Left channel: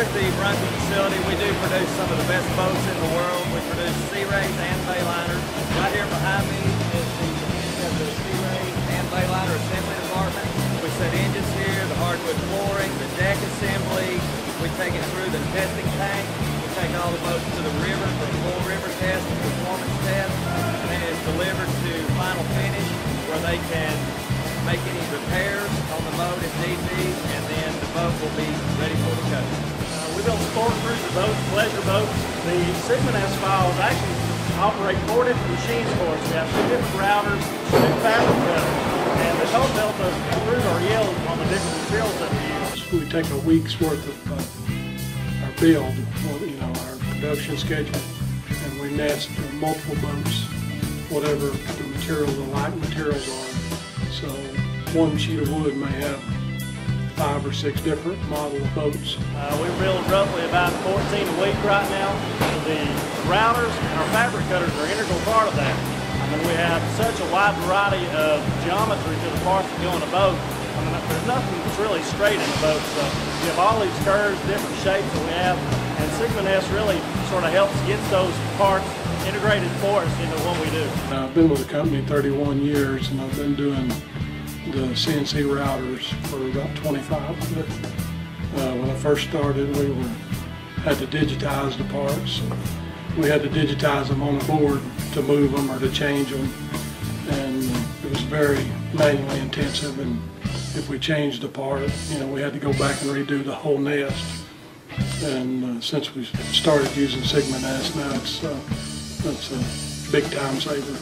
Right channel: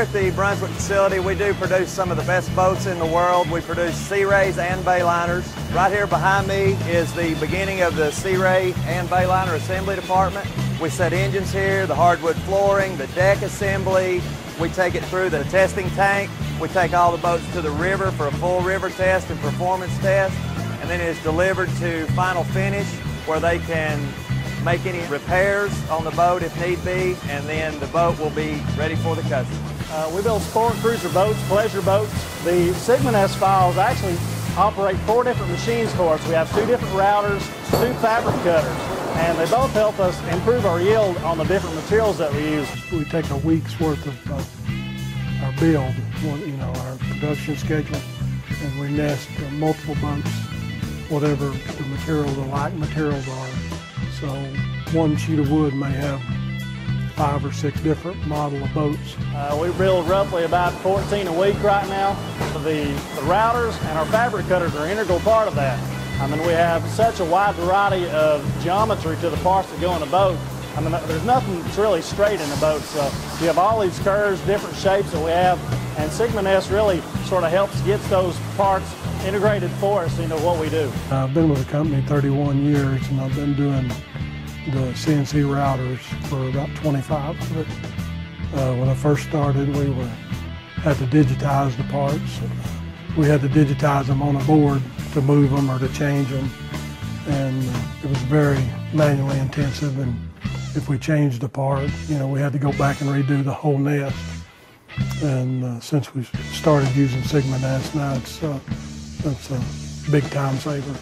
Here at the Brunswick facility, we do produce some of the best boats in the world. We produce Sea Rays and Bayliners. Right here behind me is the beginning of the Sea Ray and Bayliner assembly department. We set engines here, the hardwood flooring, the deck assembly. We take it through the testing tank. We take all the boats to the river for a full river test and performance test. And then it is delivered to final finish where they can make any repairs on the boat if need be, and then the boat will be ready for the customer. We build sport cruiser boats, pleasure boats. The SigmaNEST files actually operate 4 different machines for us. We have 2 different routers, 2 fabricators, and they both help us improve our yield on the different materials that we use. We take a week's worth of our build, our production schedule, and we nest multiple boats, whatever the material, the light materials are. So one sheet of wood may have 5 or 6 different model of boats. We build roughly about 14 a week right now. The routers and our fabricators are an integral part of that. I mean, we have such a wide variety of geometry to the parts that go in the boat. I mean, there's nothing that's really straight in the boat. So you have all these curves, different shapes that we have, and SigmaNEST really sort of helps get those parts integrated for us into what we do. I've been with the company 31 years, and I've been doing the CNC routers for about 25 of it. When I first started, we had to digitize the parts. We had to digitize them on a board to move them or to change them, and it was very manually intensive. And if we changed the part, we had to go back and redo the whole nest. And since we started using SigmaNEST, now it's a big time saver.